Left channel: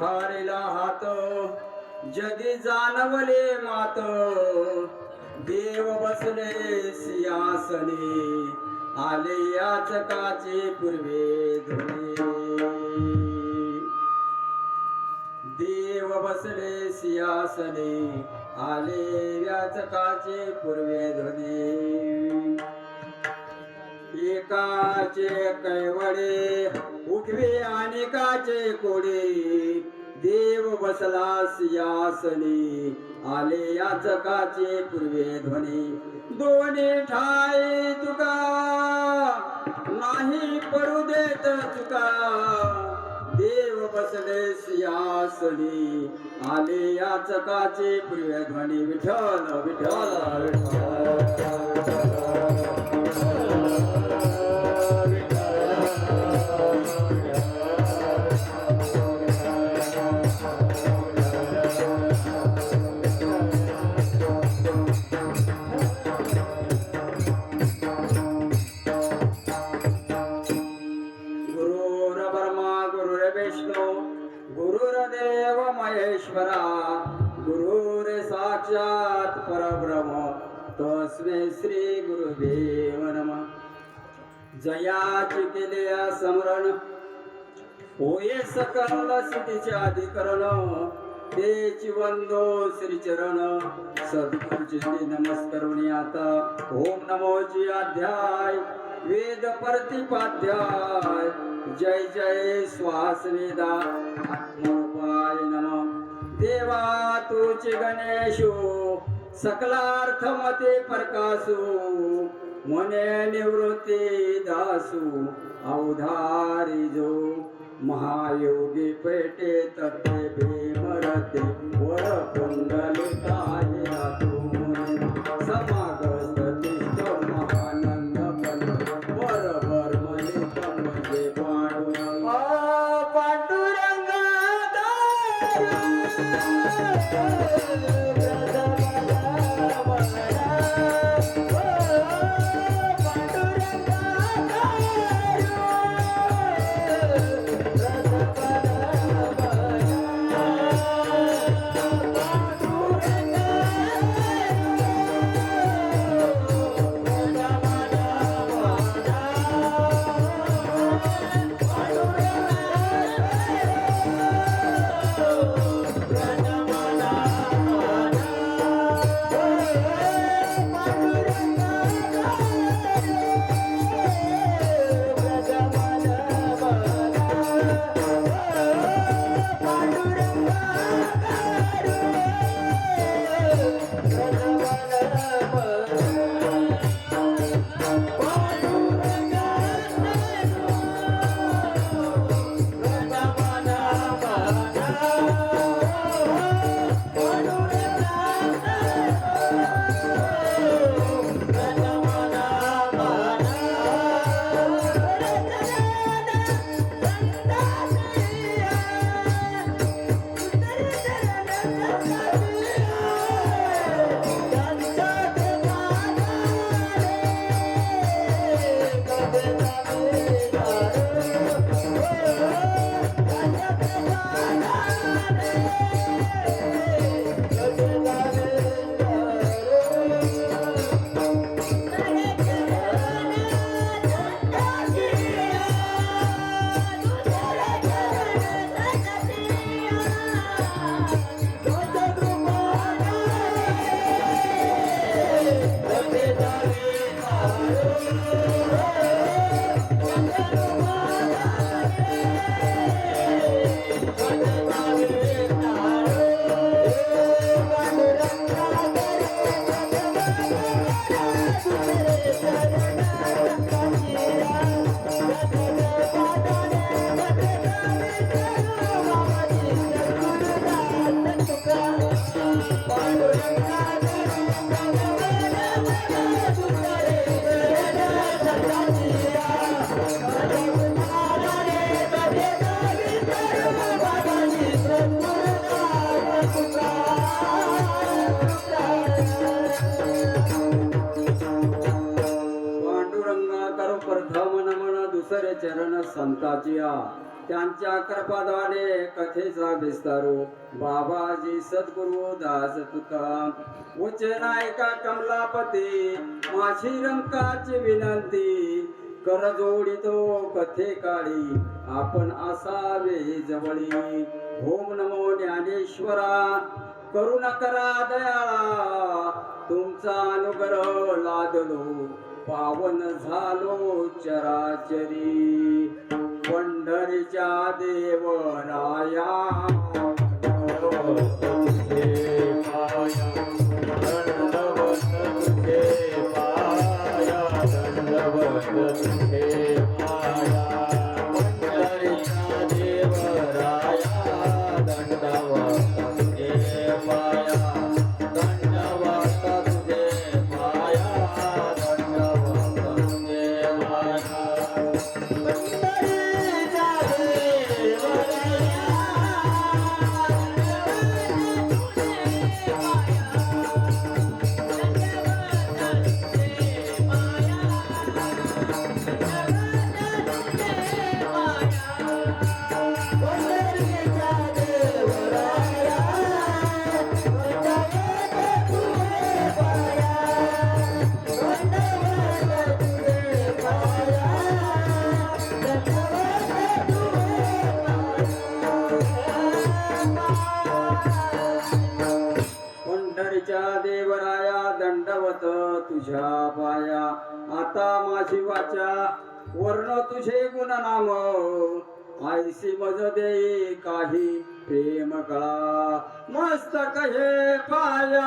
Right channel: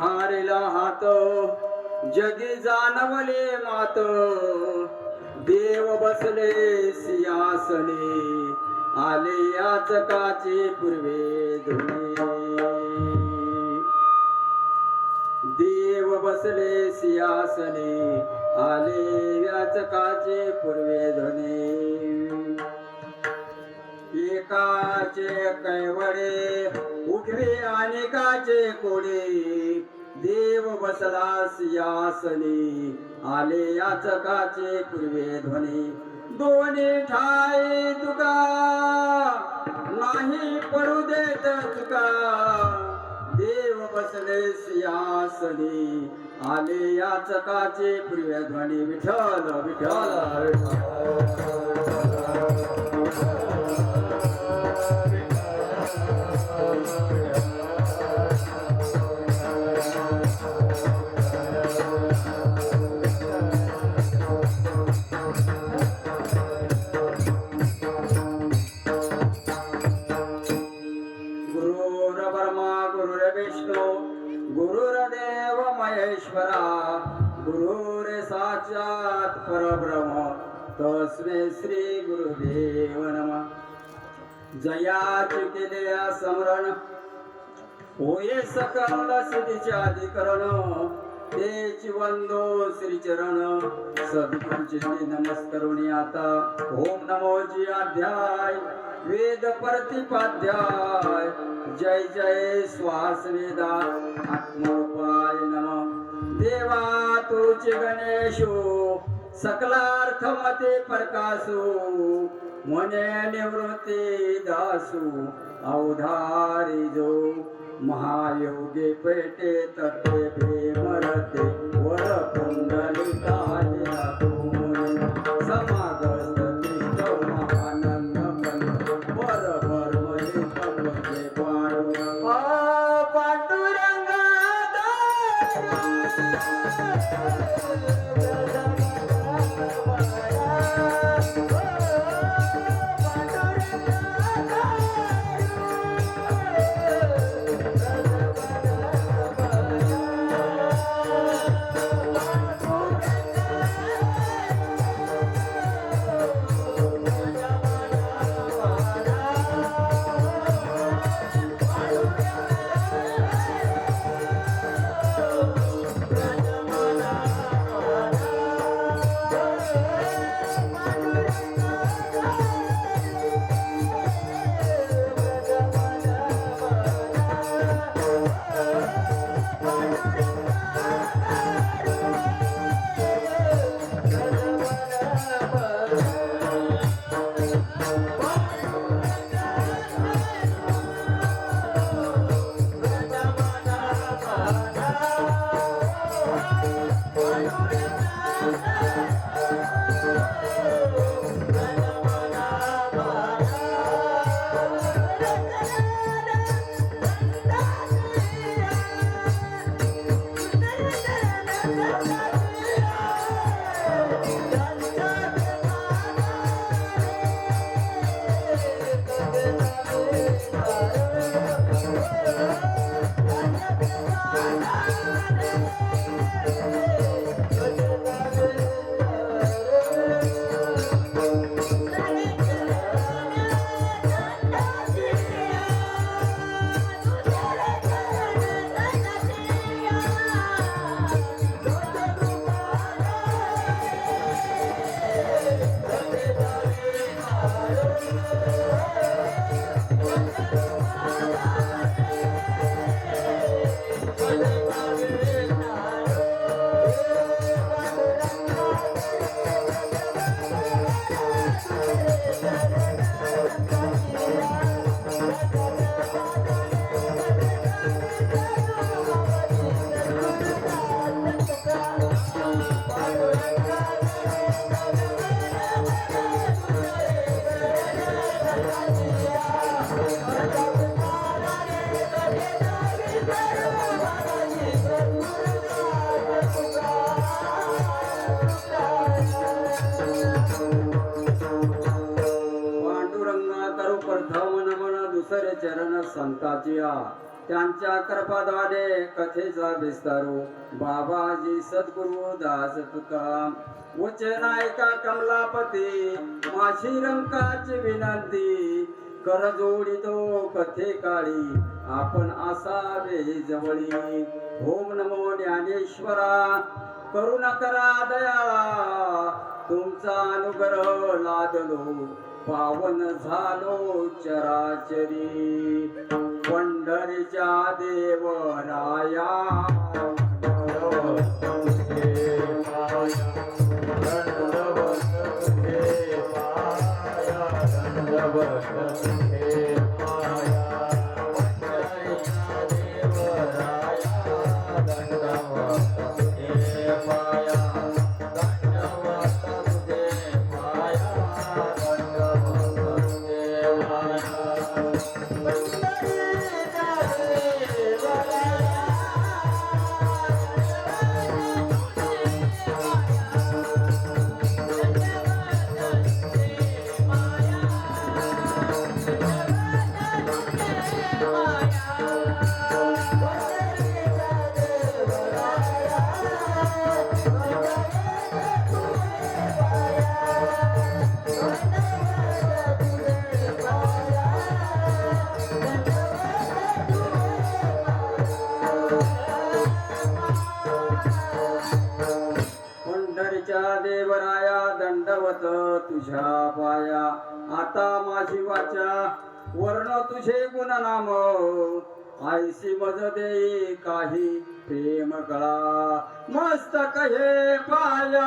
धारिला हात जगी जाणवले मात देव बसले सिंहासनी आले याचकाचे पूर्वे धुणे देव बसले सिंहासनी आले याचकाचे पूर्वे धुणे एकाचे कैवडे उठवे अनेकाचे कोडे देव बसला सिंहासनी आले याचकाचे पूर्वे ध्वनी दोन्ही ठाई तुका नाही पडू देत चुका देव बसले सिंहासनी आले याचकाचे पूर्वे ध्वनी विठ्ठल विठ्ठल विठ्ठल गुरुर्देव महेश्वरा गुरुरे साक्षात परब्रह्म तस्मै श्री गुरुदेव नमः जयाचे केले स्मरण होये सकल सिद्धीचे अधिकरण तेची वंदो श्रीचरण सद्गुरुचे नमस्करुणी आता ओम नमो जी अध्याय वेद प्रतिपाध्याय जय जय श्वास वेदा आत्मरूपाय नमः देवा तुझे गणेशो सकलार्थ मते प्रकाशो मने निवृत्ती दासू अवधारी जो महायोगी पेटे तत्वे भीमरते वर कुंडलिकाय जातो समागस्त तिष्ठ महानंद कल वर मर्मले पद्मजे पांडुरंगा त्यांच्या कृपाद्वारे कथेचा विस्तारू बाबाजी सद्गुरु दास तुकाराम वचन ऐका कमलापती माझी रंकाची विनंती कर जोडितो कथे काळी आपण असावे जवळी ओम नमो ज्ञानेश्वरा करुणा करा दयाळा तुमचा अनुग्रह लादलो पावन झालो चराचरी पंढरीच्या देवराया देवराया दंडवत तुझ्या पाया आता माझी वाचा वर्ण तुझे गुणनाम आयसी मज दे काही प्रेम कळा मस्तक हे पाया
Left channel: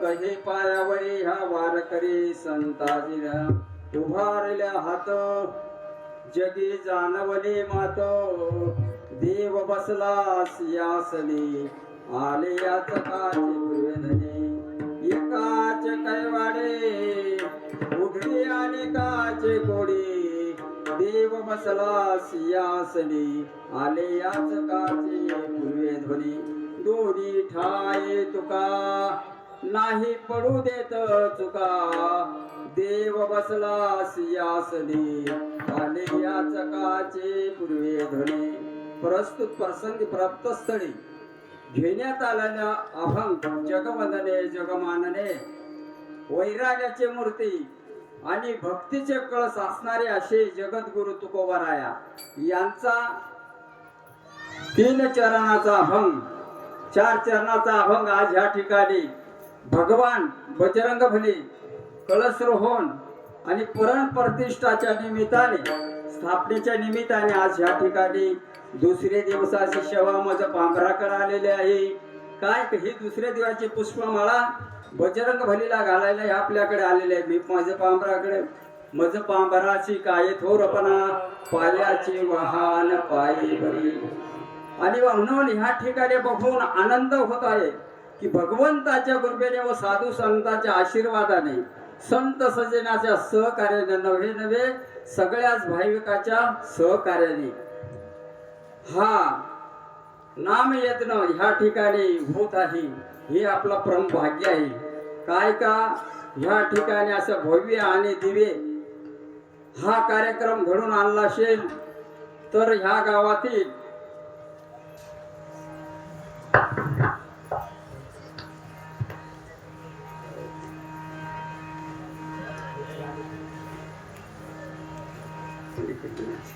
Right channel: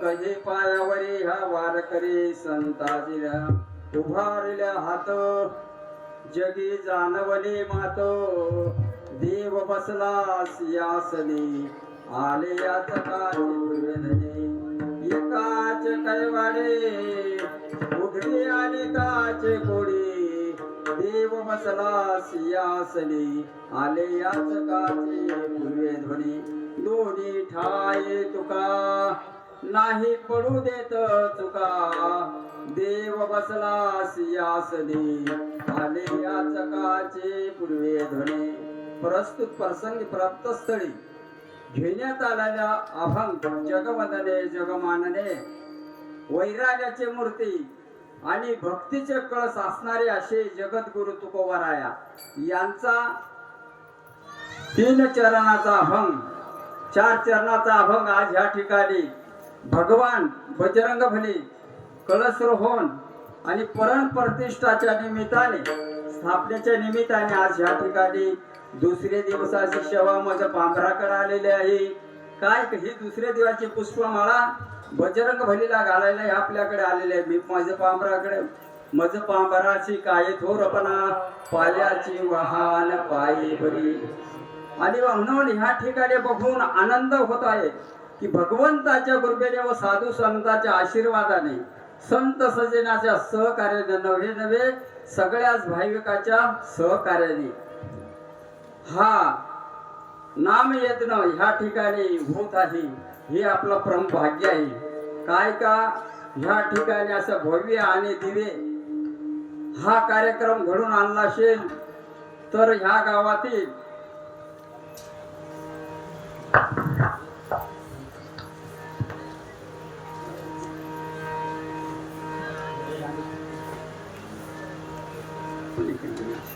कधी पायावरी ह्या वारकरी संताजीला उभारल्या हात जगी जानवली मात देव बसला सियासनी आले याच काचे पूर्वेधनी एकाच कैवाडे उघडी आले काचे कोडी देव बसला सियासनी आले याच काचे पूर्वेध्वनी दोन्ही ठाये तुका नाही पडू देत चुका देव बसला सियासनी आले या चकाचे पूर्वे ध्वनी प्रस्तुत प्रसंगी प्राप्त स्थळी घेण्यात आलेल्या अभंग जगवंदने जगमानने वैराग्याची मूर्ती आणि भक्तीचे कळस असणारे असे जगद्गुरु तुकोबाराया यांचा 3 चरणाचा अभंग 4 चरणाचा अभंग आज ह्या ठिकाणी भगवान बजरंग बली कळसरोहण आणि परण प्रतिष्ठाच्या निमित्ताने स्थापनेच्या निमित्ताने आज या ठिकाणी दुसरे दिवसाची सेवा माझ्या पांभराकडे आलेले आहे काय ही दुसरे दिवसाची पुष्पमाळा बजरंग बलीला घालायला आपल्याकडे आलेले आहे मी माझ्या पांभराकडे माझ्या पांभराची काय थोरपणा पायाची वाहन पायी बरी आणि म्हणून ह्या ठिकाणी बघून आनंद होत आहे की भगवंताच्या कृपेने व साधू संतांच्या आशीर्वादाने संत सजनाच्या सहकार्याने नवे नवे सगळ्याच भाविकाच्या सहकार्याने हा नाम यज्ञ ह्या ठिकाणी होत आहे हे आपलं परम भाग्य आहे काय का ह्या ठिकाणी असं भव्य आणि दिव्य हा कार्यक्रम घडून आणला असेल तर ह्या गावातील Thank you.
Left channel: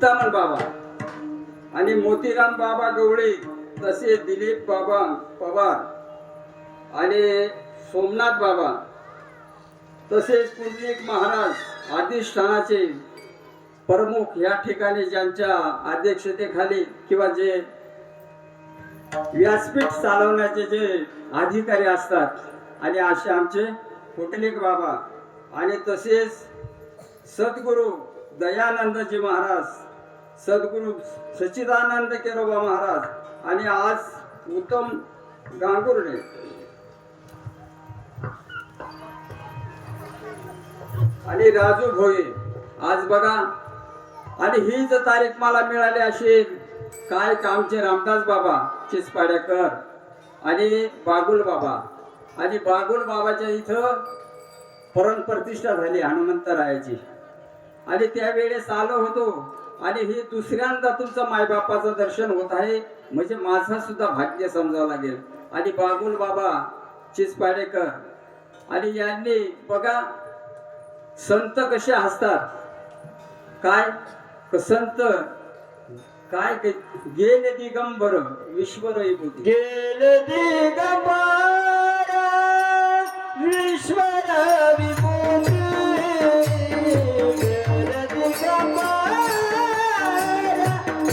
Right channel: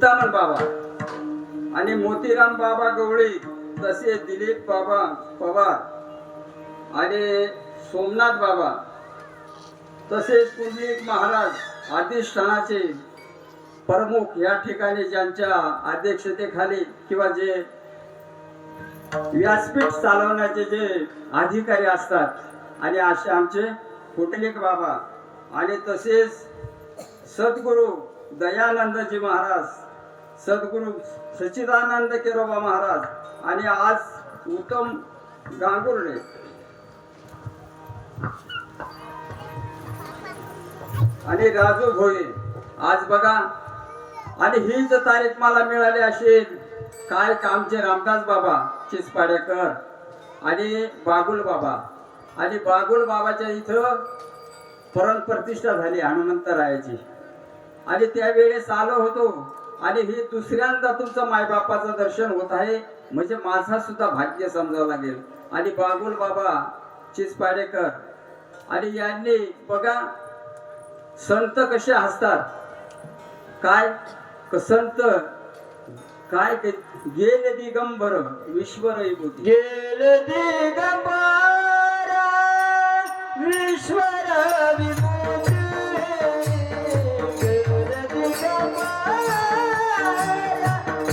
चिंतामण बाबा आणि मोतीराम बाबा गवळे, तसे दिलीप बाबा पवार आणि सोमनाथ बाबा, तसेच पुंडलिक महाराज अधिष्ठानाचे प्रमुख या ठिकाणी ज्यांच्या अध्यक्षतेखाली किंवा जे व्यासपीठ चालवण्याचे जे अधिकारी असतात आणि असे आमचे पुंडलिक बाबा आणि तसेच सद्गुरू दयानंदजी महाराज, सद्गुरू सच्चिदानंद केरोबा महाराज आणि आज उत्तम गांगुर्डे आणि राजू भोये आज बघा. आणि हीच तारीख मला मिळाली असेल काय कामचे रामदास बाबा चिसपाडेकर आणि बागुल बाबा, आणि बागुल बाबाच्या इथं प्रतिष्ठा झाली हनुमंतरायाची आणि त्यावेळेस आलो होतो. आणि हे दुसऱ्यांदा तुमचं मायबापाचं दर्शन होत आहे म्हणजे माझा सुद्धा भाग्य समजावं लागेल. आणि बागुल बाबा चिसपाडेकर आणि यांनी बघा संत कसे असतात, काय संत काय गेले दिगंबर विश्वर विभूती, गेले दिगंबर विश्वर विभूती, गेले दिगंबर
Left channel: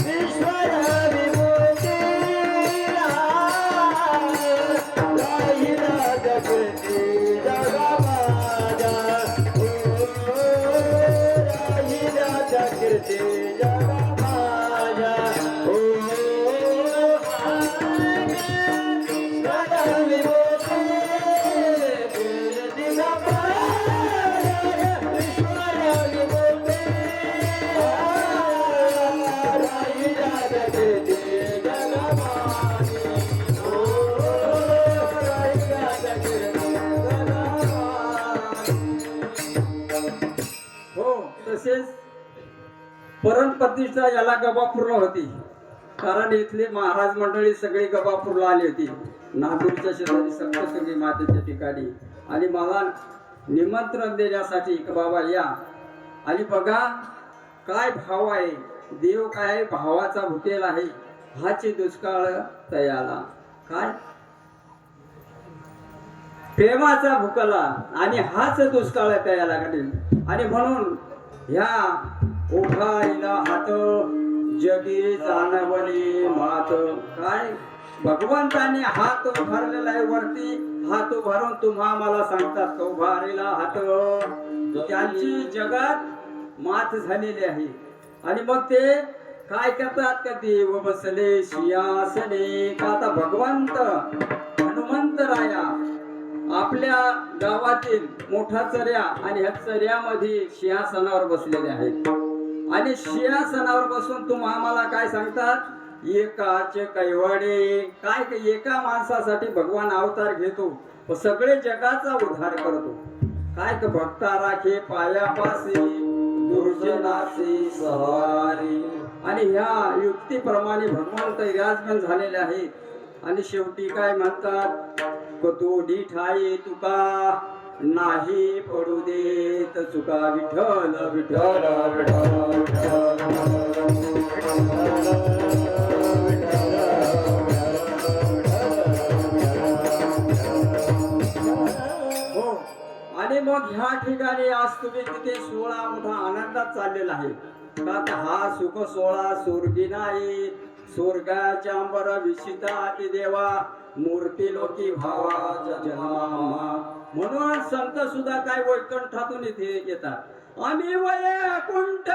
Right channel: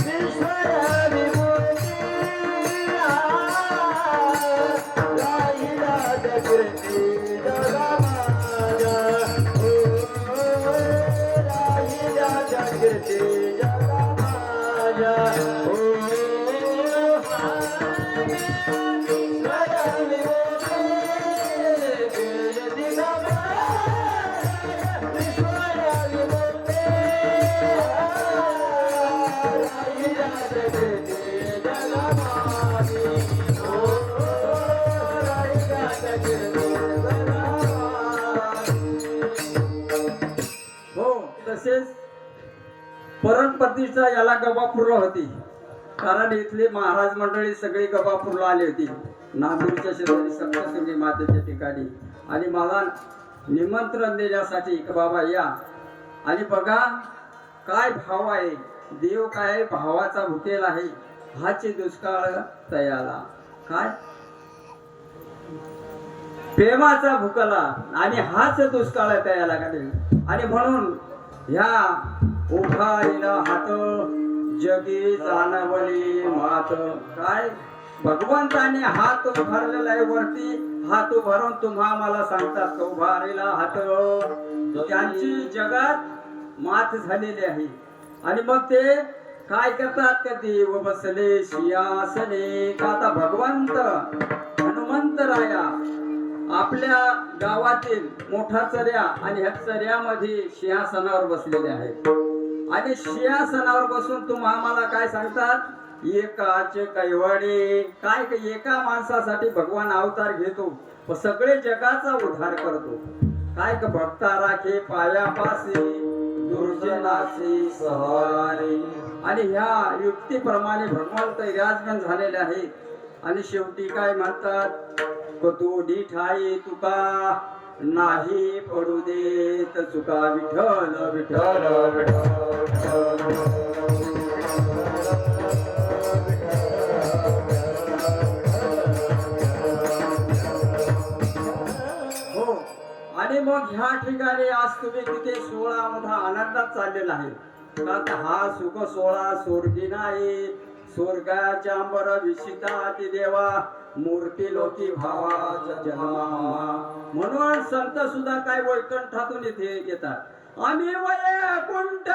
विश्वर विभूती, राहिला जगती जगा माझा, राहिला जगती जगा माझा. हो तसेच प्रतिष्ठा याला गबापूरला होती, कारण इथले महाराज मंडळी सगळी गबापूरला आली होती नागपूरच्या शेजारी सप्तशृंगी मातेच्या ठिकाणी. आणि मला निमंत्रण देण्यासाठी की बाबा या. आणि बघा काय भाव आहे, देव काय भावाचा भुकेल आहे, हाची दुष्काळ तयाला, काय प्रेमाचा भुकला आणि हाच दुष्काळ तयाला काढेल. आणि म्हणून ह्या उभारला हात जगी जाणवली मात, काय भगवंतानी हात उभारलेला आहे वरती, हात उभारून तुम्हा मला सांगतात उभारलेला हात, त्यांची जगात मात झालेली आहे. आणि मग ते काय करतात ते देव बसले सिंहासने, का आता भगवंत हनुमंतराया आपल्या गावातील मोठा चर्या आणि ह्या चर्यामध्ये सिंहासनावर बसलेले आहेत. आणि सिंहासनावर बसून तुम्हा आम्हाला काय सांगतात, एकाचे कैवाडे, काय एका माणसासाठी भगवान अवतार घेतो व सगळे जगाचा उद्धार करतो. काय भक्ता राखे पायापासे दुर्जनाचे सहारे. आणि ह्या युक्तीप्रमाणे भगवंत विराजमान झालेले आहेत. आणि शेवटी काय म्हणतात, तोडी ठाई तुका नाही पडू देत चुका, विठ्ठल विठ्ठल हो. आणि मग ह्या ठिकाणी आज तुम्ही तिथे 16 मोठा आनंदात चाललेला आहे. आता हा सुख 16 स्वर्गी नाही, स्वर्गाच्या अंबर विशिता देवा मूर्ती लोकी भावाचा जन्मा. म्हणून संत सुद्धा काय वैकुंठातून इथे येतात. आम्ही वैकुंठ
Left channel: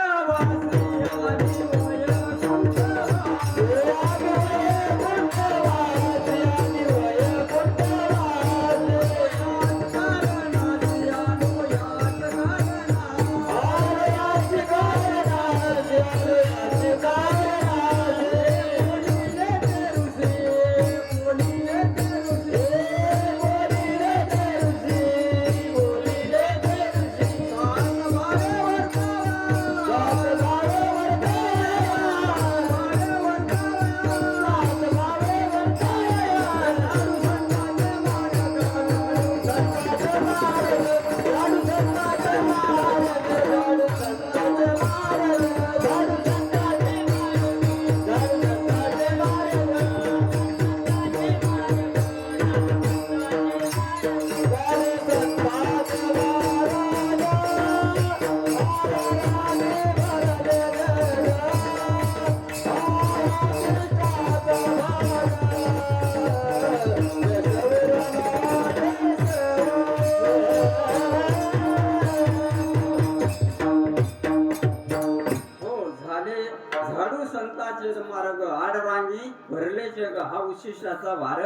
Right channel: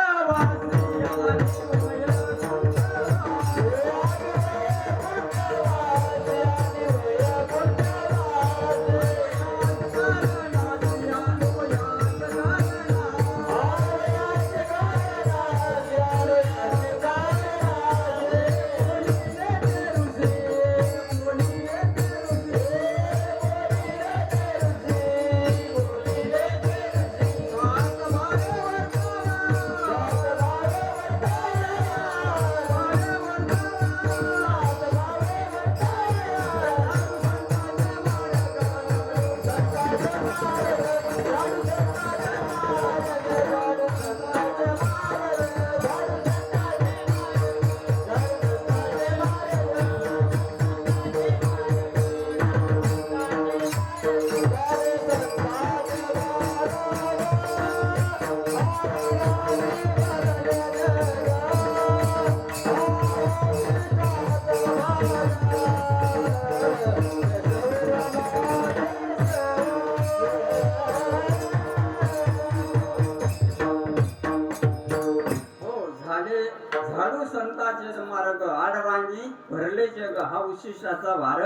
चालू संतांचे मार्ग आडरांगी भरले जग हा उशिष्टाचा भार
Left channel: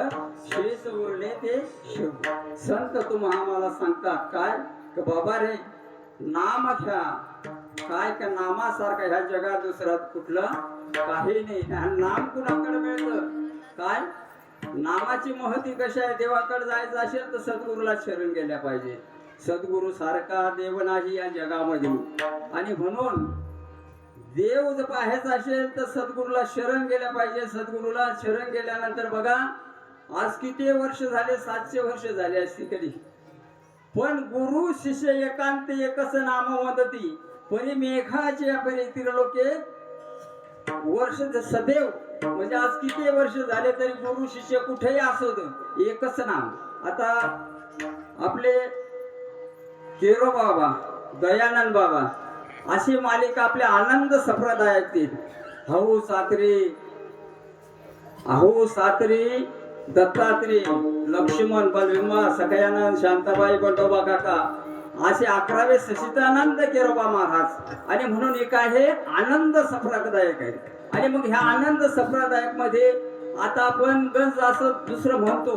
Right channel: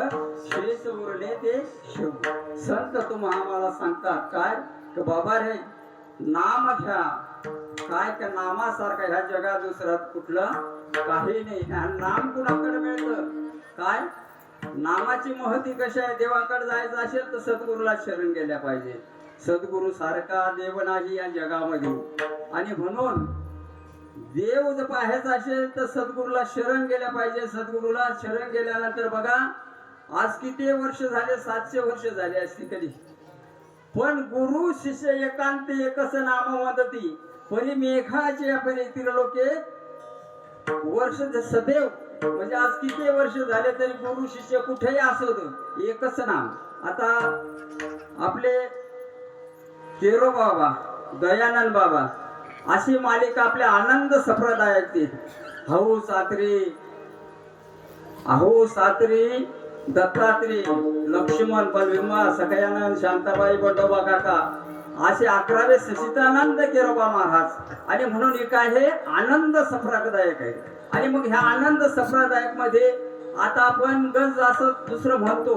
शेष उरले ते शिव. संत तुम्हा आम्हाला सांगतात काय की बाबा रे नाम घ्या. काय का नामासारखं ह्या जगात दुसरं कुठलं काही नाही. आणि नाम कुणाकडे मिळतं काय नामाची महती कशी आहे. देवाकडे जायचं असेल तर सद्गुरूला शरण गेल्या पाहिजे. सद्गुरू सारखा देव नाही या जगामध्ये. आणि म्हणून देव जर पाहायचा असेल तर सद्गुरूला शरण गेल्या पाहिजे. सद्गुरूला शरण गेल्यानंतर बघा आज किती वर्ष झाले 700 वर्ष झाली असती कधी. पण गुरु शिष्य एकांती एकच नाम वदती परी मेघाचे परी तिरलोके वर्ष सदैव. म्हणजे आज किती वर्ष झाले तरी गुरु शिष्य कुठेही असो एकच नाम. आता आपले केरो बाबा दयानंद बाबा अशी मालिका आपल्या आनंद संप्रदायात अहो सात्री दत्तात्री लक्ष्मण बलभीमा सगळ्यांना शांताबाई बंडोबा काका असे 11वे सचिदानंद केरोबा महाराज. आणि म्हणून एक आहे आनंद संप्रदायक आहे. आणि मग ह्या आनंद संप्रदायक मध्ये आता आपण गंज असं दुसरं म्हणतो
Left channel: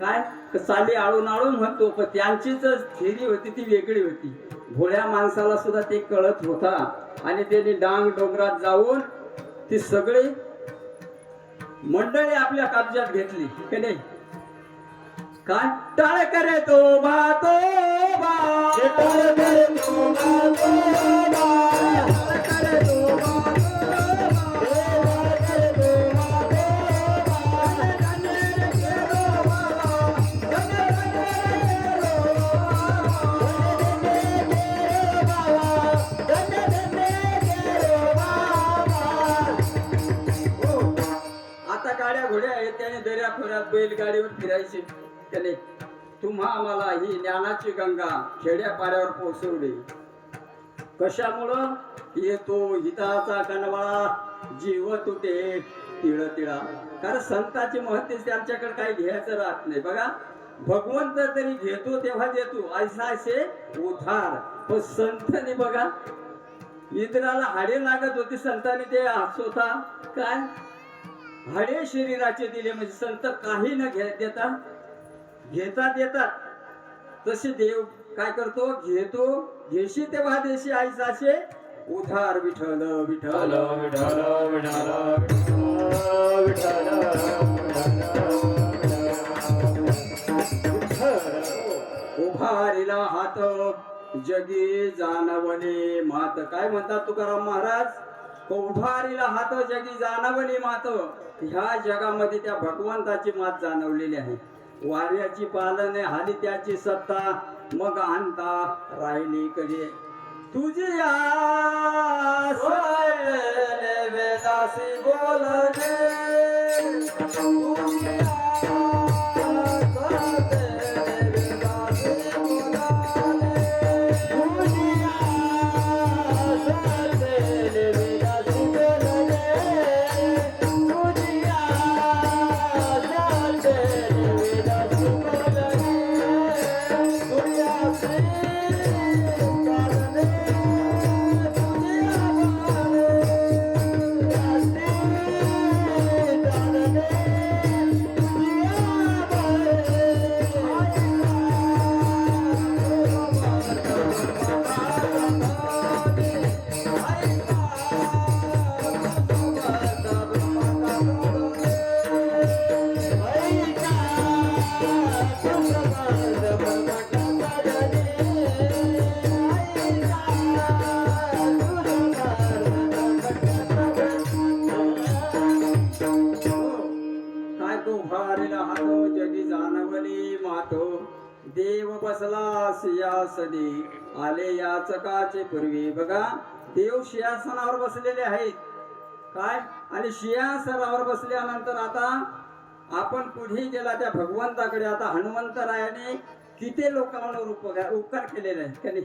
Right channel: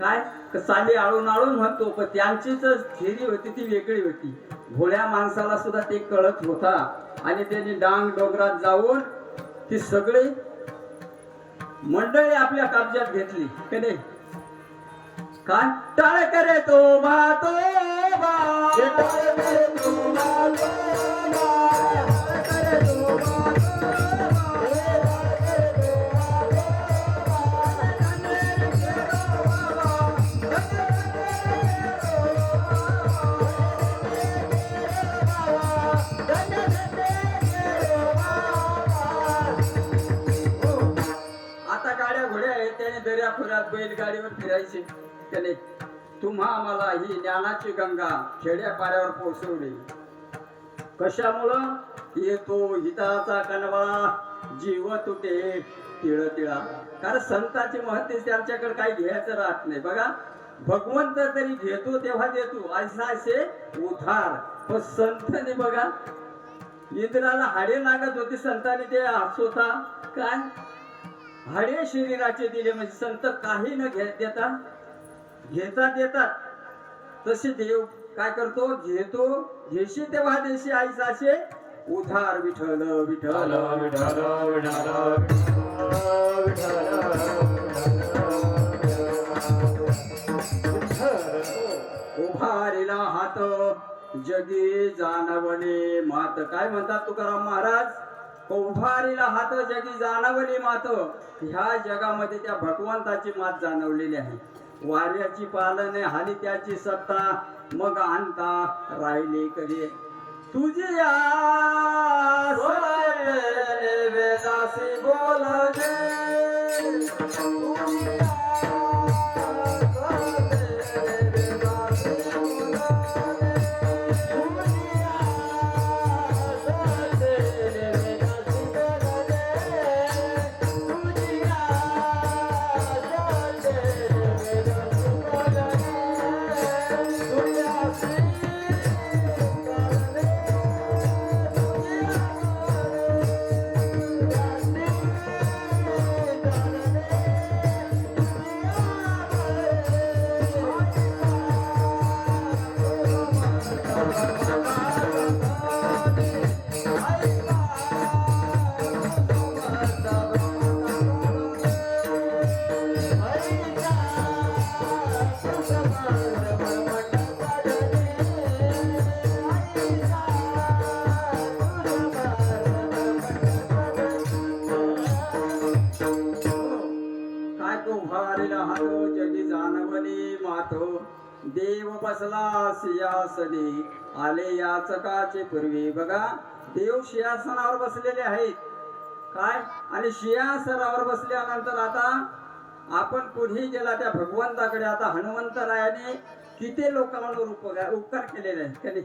काय साली आळून आळून म्हणतो. पण त्यांची जर थेरी होती ती वेगळी होती. भोळ्या माणसाला सुद्धा ते कळत होता. आणि त्यांनी डांग डोंगरात जाऊन ती सगळी मंडळी आपल्या कब्जात घेतली की नाही. काय टाळ करे तो भातो बा टाळ करे तो भातो बा करे तो दर्या खोऱ्यात बैलगाडीवर फिरायचे त्याने. तुम्हा आम्हाला ही ज्ञानाची गंगा खेड्यापाड्यावर पोहोचवली. कशामुळं येतो हिताचा कणवा जीव तुटे तिळ तिळा. कारण संतांची महती त्यांच्याकडे काही घ्यायचं राहत नाही. बघा भगवंत तरी घेतो तेव्हा देतो ऐसा असे उधार. पण संतांनी बघा इंद्राला हाडे लागत होती संतांनी ते स्वतः काय हाडे शरीराचे दिले. म्हणजे संत काही न देता देतात. तसे देव काय करतो घेतो घेशी तेव्हा देशी आईचा असे उधार. विठ्ठल विठ्ठल विठ्ठल उभारिला हात जगी जाणवले मात. काय म्हणतात तुकाराम महाराज. उभारीला हात जगी जाणवली मात. ह्या जगामध्ये त्या भगवंताची मात जाणवलेली आहे. वाऱ्याची पालने हाली त्याची सत्ता मग आणता राहिली कधी तुझ्या वेदासी बोलगे. देव बसला सिंहासनी आले याचकाचे पूर्वी. बघा देव सिंहासनावर बसलेले आहेत काय. आणि सिंहासनावर बसल्यानंतर आता आपण पुढे गेला त्या भगवंताकडे. आता हनुमंतरायाने किती लोकांवर उपकार केलेले आहेत कधी.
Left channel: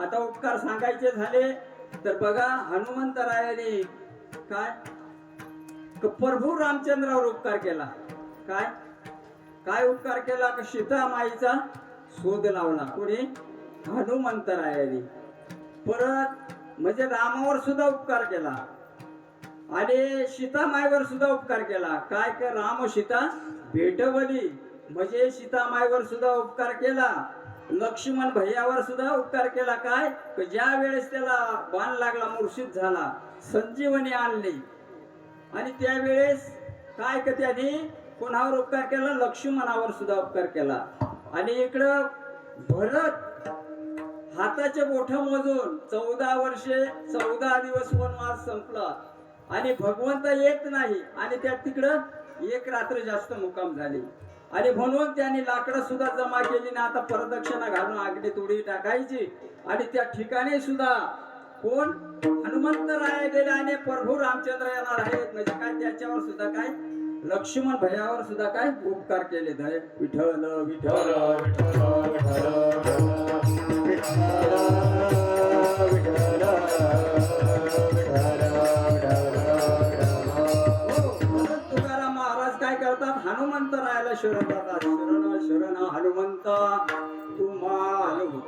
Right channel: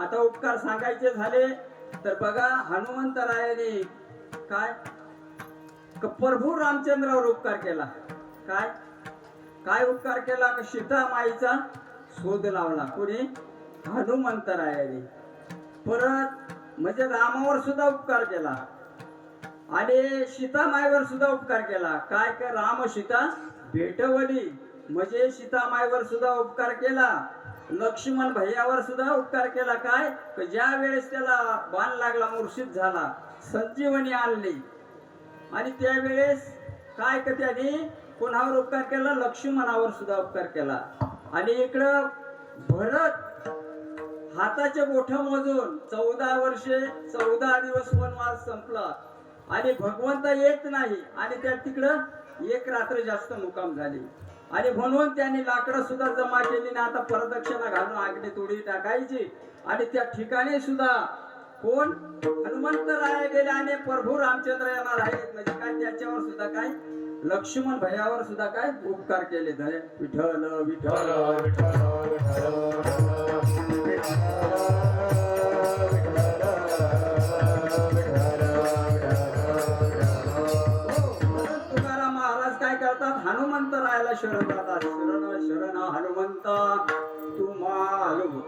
आता उपकार सांगायचे झाले तर बघा हनुमंतरायाने काय प्रभू रामचंद्रावर उपकार केला. काय काय उपकार केला की सीता माईचा शोध लावला कोणी हनुमंतरायाने. परत म्हणजे रामावर सुद्धा उपकार केला. आणि सीता मायवर सुद्धा उपकार केला. काय काय राम सीता भेटवली म्हणजे सीता मायवर सुद्धा उपकार केला. लक्ष्मण भैयावर सुद्धा उपकार केला. काय तर ज्या वेळेस त्याला बाण लागला, मूर्छित झाला, संजीवनी आणली आणि त्यावेळेस काय का त्यांनी कोणावर उपकार केला, लक्ष्मणावर सुद्धा उपकार केला. आणि इकडं भरत हाताचे बोट मोजून 14 वर्षे 14 दिवस वनवास संपला आणि भगवंत येत नाही आणि त्या तिकडं एक रात्र जास्त मुक्काम झाली. आणि म्हणून त्यांनी लाकडं सुद्धा जमा केली ना, आता परदक्षिणा घालून आगडी तोडी टाकायची. आणि त्या ठिकाणी सुद्धा कोण हनुमंतराय गेले आणि प्रभू रामचंद्र येणार आहेत म्हणजे काय त्याच्यावर सुद्धा काय लक्ष्मण भैयावर सुद्धा काय उपकार केले. धरे विठ्ठल विठ्ठल तुकाराम महाराज काय करतात, हनुमंतरायाला शरण जातात. शरण शरण हनुमंता तुम्हालू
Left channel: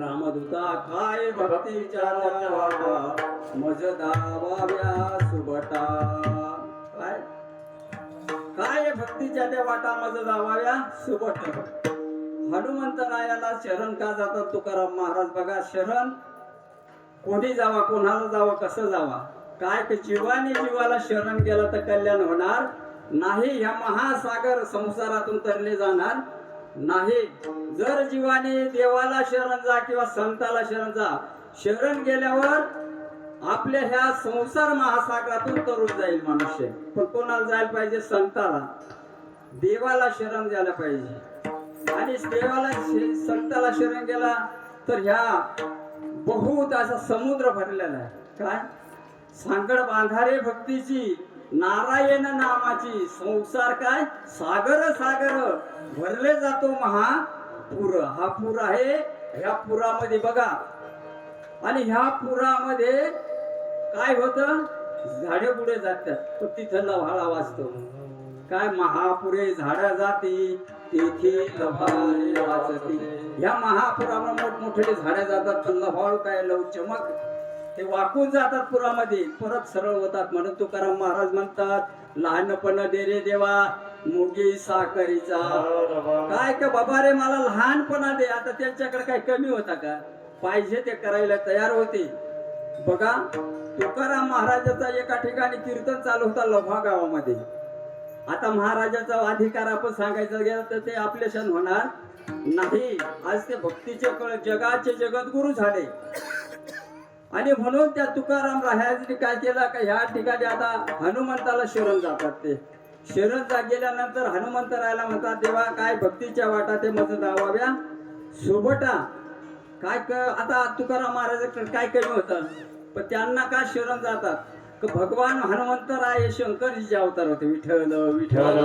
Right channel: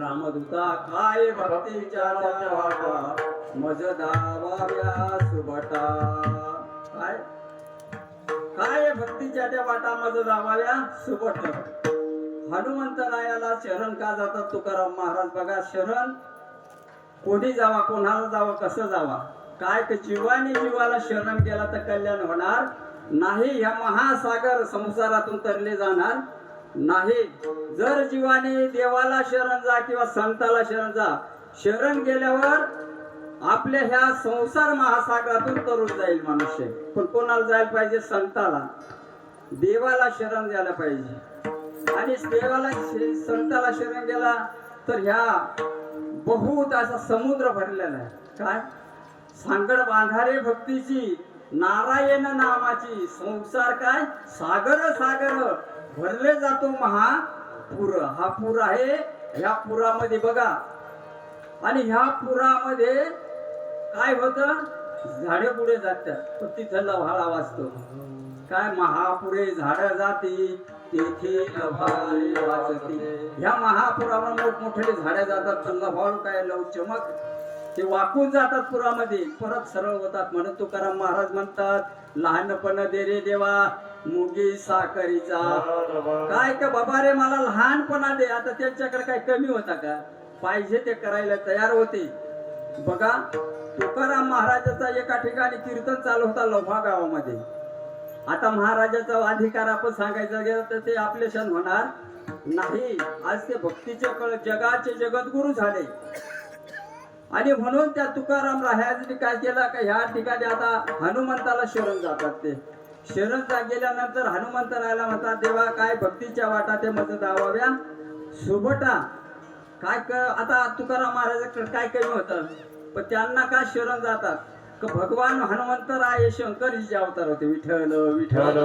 रामदूता काय भक्तीच्या वाटा मज दावाव्या सुभटा. काय काय भक्तीच्या त्या वाटा मज दावाव्या सुभट. हनुमंतरायाला शरण का जातात तुकाराम महाराज बघा. शरण कोणी जावा, कोणाला जावं, कसं जावा. काय की जीवानी जीवाला शरण गेला तर कल्याण होणार नाही. ह्या महासागर संसारातून तरले जाणार नाही. जर जीवाने देवाला शरण जा किंवा संताला शरण जा, शरण गेल्यावर आपल्या ह्या संसार महासागरातून तरून जाईल मनुष्य. पण कोणाला जायला पाहिजे, संताला, देवाला शरण द्यायला पाहिजे. आणि देवाला संताला शरण गेला तर ह्या बहुत असा समुद्र भरलेला आहे. काय सांगड बांधारे भक्तीची नारायण नामाची संसार काय सागर सागर भरले जातो महापूर. हा पूर आहे. ह्या पुरामध्ये बघा आणि ह्या पुरामध्ये काय होतं, झाडे पुढे जातात तर तिथं लव्हाळा वाजतो. काय महापुरे झाडं जाती तेथे लव्हाळे वाजती. ह्या महापुरावर मोठमोठे झाडे जातात, लव्हाळू काय लव चमक ते वाकून जातात पुरामध्ये, परत सरळ होतात. म्हणून तुकाराम महाराज म्हणतात, लहानपण दे रे देवा मुगी साखरीचा. काय का बाबा रे मला लहानपणा दे. आता त्यांच्याकडे काय कमी होता का, पाहिजे ते करायला तयार होते. बघा तुकाराम महाराजाचा एका ठिकाणी कीर्तन चालू होता लोहा गावामध्ये. आता महाराजाचा अधिकार आपण सांगायचा गेला तर ते आपले क्षण होणार नाही. आज ते भक्तीचे जगाचे जगद्गुरु झाले. आणि म्हणून त्या तुकाराम राहायचे काय केलं का ह्या ठिकाणी आता हनुमंताला शरण जातात. ते शरण गेल्यानंतर हनुमंत राहायला म्हणतात, देवा काय भक्तीच्या वाटा ते मज दावाव्या सुभटा. काय आता तुकाराम महाराजांकडे काय कमी होतं, पण त्यांना काय शरण जातात का भगवान हनुमंतराय शंकरजीचे अवतार होते. विठ्ठल विठ्ठल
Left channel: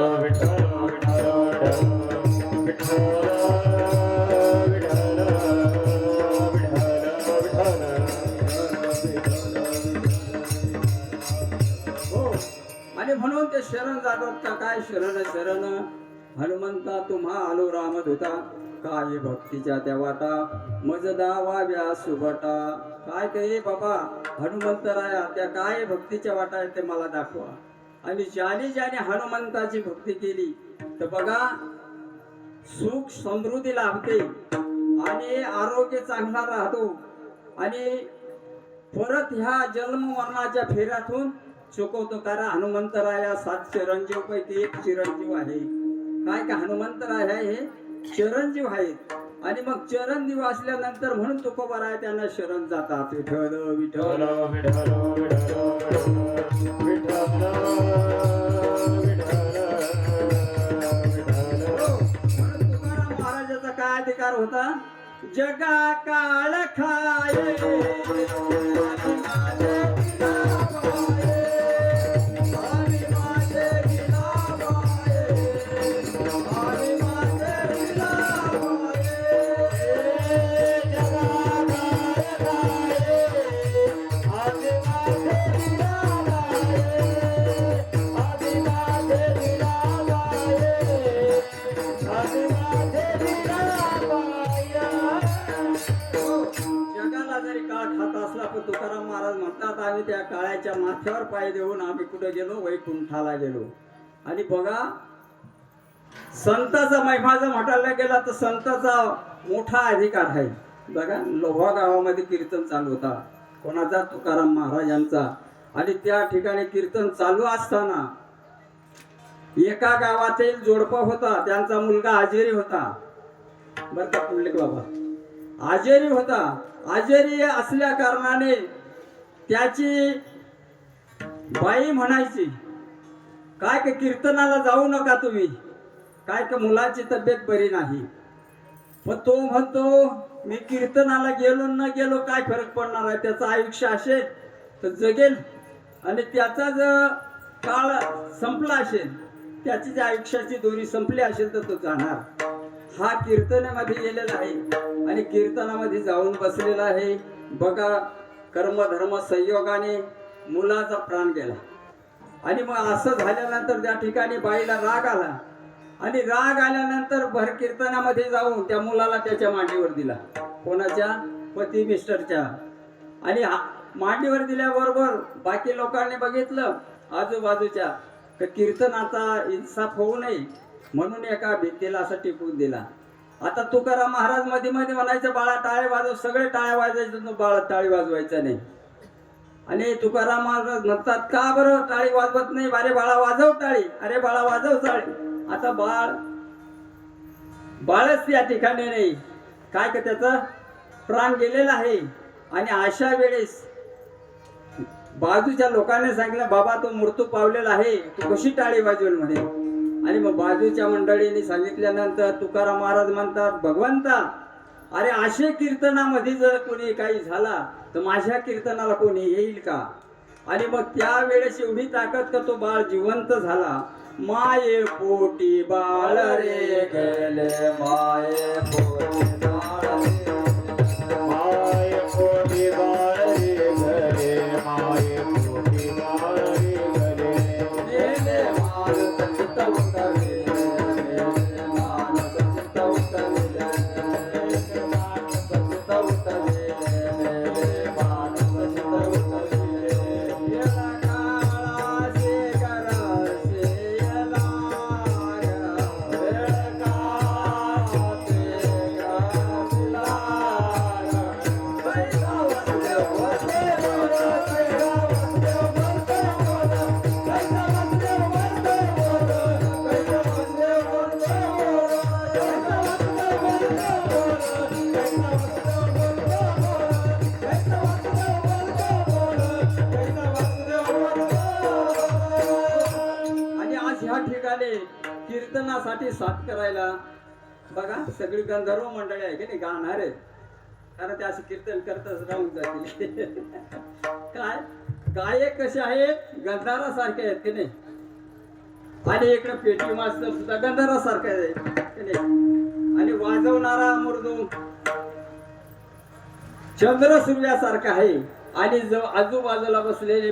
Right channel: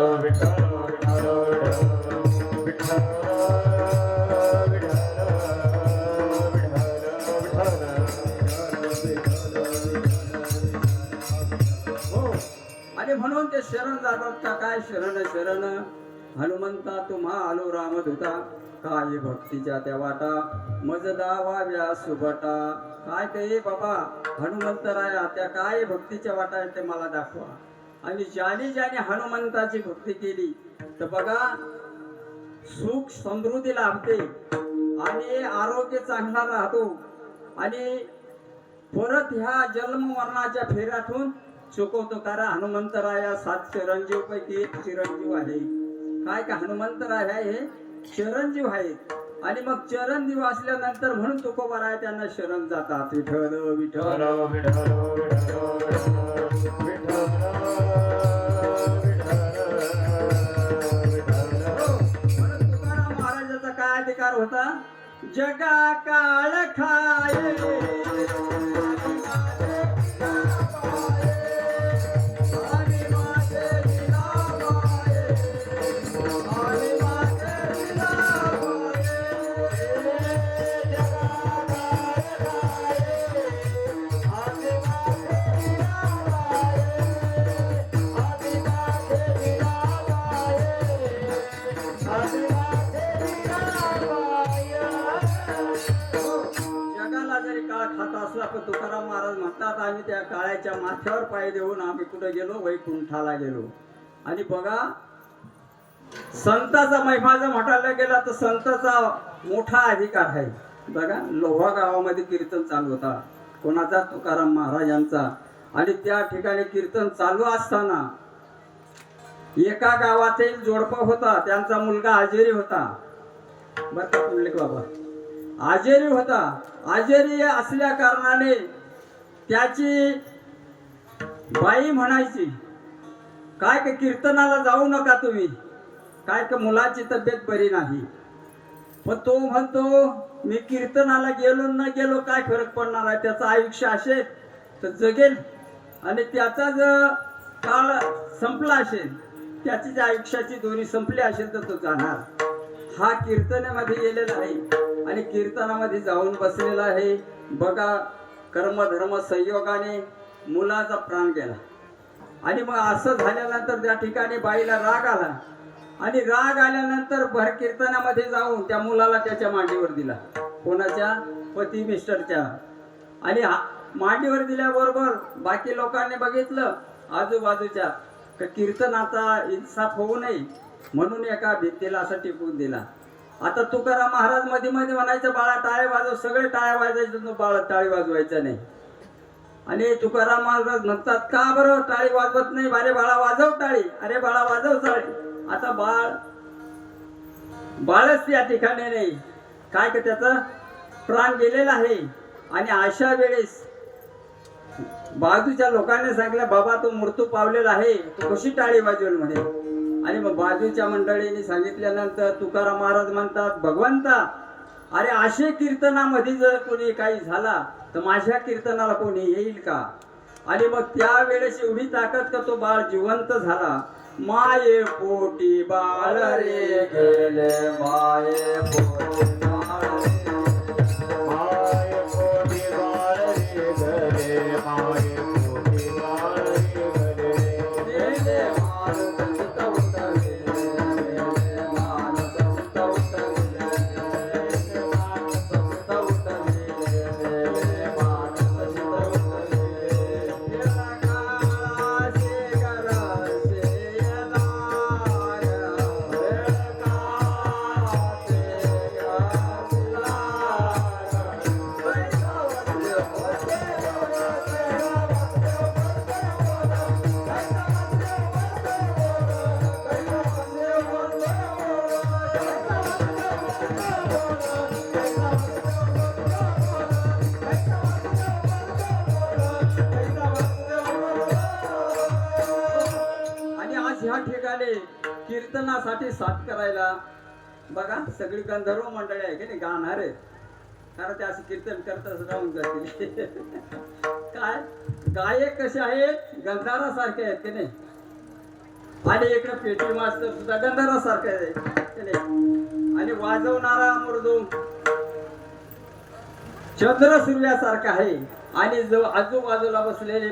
आणि म्हणून ते शरण जातात का काय शरण शरण हनुमंता तुम्हा आलो रामदूता काही भक्तीच्या त्या वाटा मज दावाव्या सुभटा. काय ते बाबा हनुमंतराया त्या काय भक्तीच्या वाटा आहेत ते मला दाखवा. आणि ज्याने ज्याने हनुमंताची भक्ती केली तर बघा सुख समृद्धी लाभते आणि आरोग्य चांगला राहतो. आणि परत ह्या जन्म मरणाच्या फेऱ्यातून चुकवतो. कारण हनुमंतराया 7 चिरंजीव पैकी एक चिरंजीव आहे. काय का हनुमंतराय हे चिरंजीव आहेत. आणि मग चिरंजीव असल्यानंतर म्हणून तुकोबाराय त्यांना शरण जातात. विठ्ठल विठ्ठल तुकाराम महाराजाचा काय अधिकार होता, जगा काळ खाये माथ्यावर पाय देऊन आम्ही कुठे गेलो, वैकुंठाला गेलो. आणि बघा संताचा महिमा जर म्हणायला गेला तर संताचा मोठा अधिकार आहे. बघा लोहा गावामध्ये कीर्तन चालू होता कोणाचा, तुकाराम महाराज यांचा. आणि त्या ठिकाणी कीर्तन चालू असताना एका गावातील जोडपा होता, त्यांचा मुलगा आजेरी होता. बरं का पुंडलिक बाबा, आजेरी होता. आजेरी असल्या कारणाने त्याची बाई म्हणायची काय का कीर्तनाला जाऊ नका तुम्ही, काय का मुलाची तब्येत बरी नाही. पण तो म्हणतो मी कीर्तनाला गेलो न गेलो काय फरक पडणार आहे, त्याचं आयुष्य असेल तर जगेल आणि त्याचा जर काळ संपला असेल, त्याची जर आयुष्याची दोरी संपली असेल तर तो जाणार. हा कीर्तनामध्ये गेलेला आहे आणि कीर्तनामध्ये जाऊन बसलेला आहे. बघा कर्मधर्म संयोगाने मुलाचा प्राण गेला. आणि मग असं झाल्यानंतर त्या ठिकाणी बाईला राग आला आणि राग आल्यानंतर भर कीर्तनामध्ये जाऊन त्या मुलाला त्याच्या मांडीवर दिला, कोणाच्या, पती मिस्टरच्या. आणि मांडीवर दिल्याबरोबर बाकी लोकांनी बघितलं आजूबाजूच्या, तर कीर्तन आता इन्साफ होऊ नये म्हणून एका भिंतीला असं टिकवून दिला. आता तुकाराम महाराज मध्ये मध्ये म्हणायचं बाळा टाळ्या वाजव, सगळे टाळ्या वाजवायचे, बाळा टाळी वाजवायचं नाही. आणि तुकाराम महाराज म्हणतात का बरं टाळी वाजवत नाही, अरे बाळा वाजव टाळी, अरे बाळा वाजव टाळी. आता बाळच त्या ठिकाणी नाही, काय का त्याचा प्राण गेलेला आहे. आणि अशा वेळेस बाजूच्या लोकांनी सांगितलं बाबा तो मृत्यू पावलेला आहे, तू कशी टाळी वाजवेल म्हणे. आणि मग बाजूच्या मंडळींनी सांगितल्यानंतर तुकाराम महाराज म्हणतात भगवंता अरे असे कीर्तनामध्ये जर कोणी काही झाला तर माझ्या कीर्तनाला कोणी येईल का. आणि मग त्यावेळेस एवढी ताकद का तो बाळ जिवंत झाला. माये पोटी बाळ रे गेले, माये पोटी बाळ रे, माये पोटी बाळ रे घरे, माये पोटी बाळ रे घरे. गेले माणूस चितवतले, गेले माणूस चितवतले, गेले माणूस चितवतले, गेले माणूस चितवतले. गेला काळाचे गरजेला आणि आज ह्या ठिकाणी कीर्तनासाठी साथ करायला बघा सगळी गंधर्व मंडळी आहे की नाही, गाणार आहेत. कारण ते असं कीर्तन करतच राहून जाते. काय गायक कसे आहेत, गंधारासारखे आहेत की नाही. आणि इकडे पेटी मास्तर सुद्धा गंधारासारखे आहेत की नाही. आणि वाजवणारा मृदुंग चंद्र सूर्यासारखा आहे. आणि जो आजूबाजूला बसलेले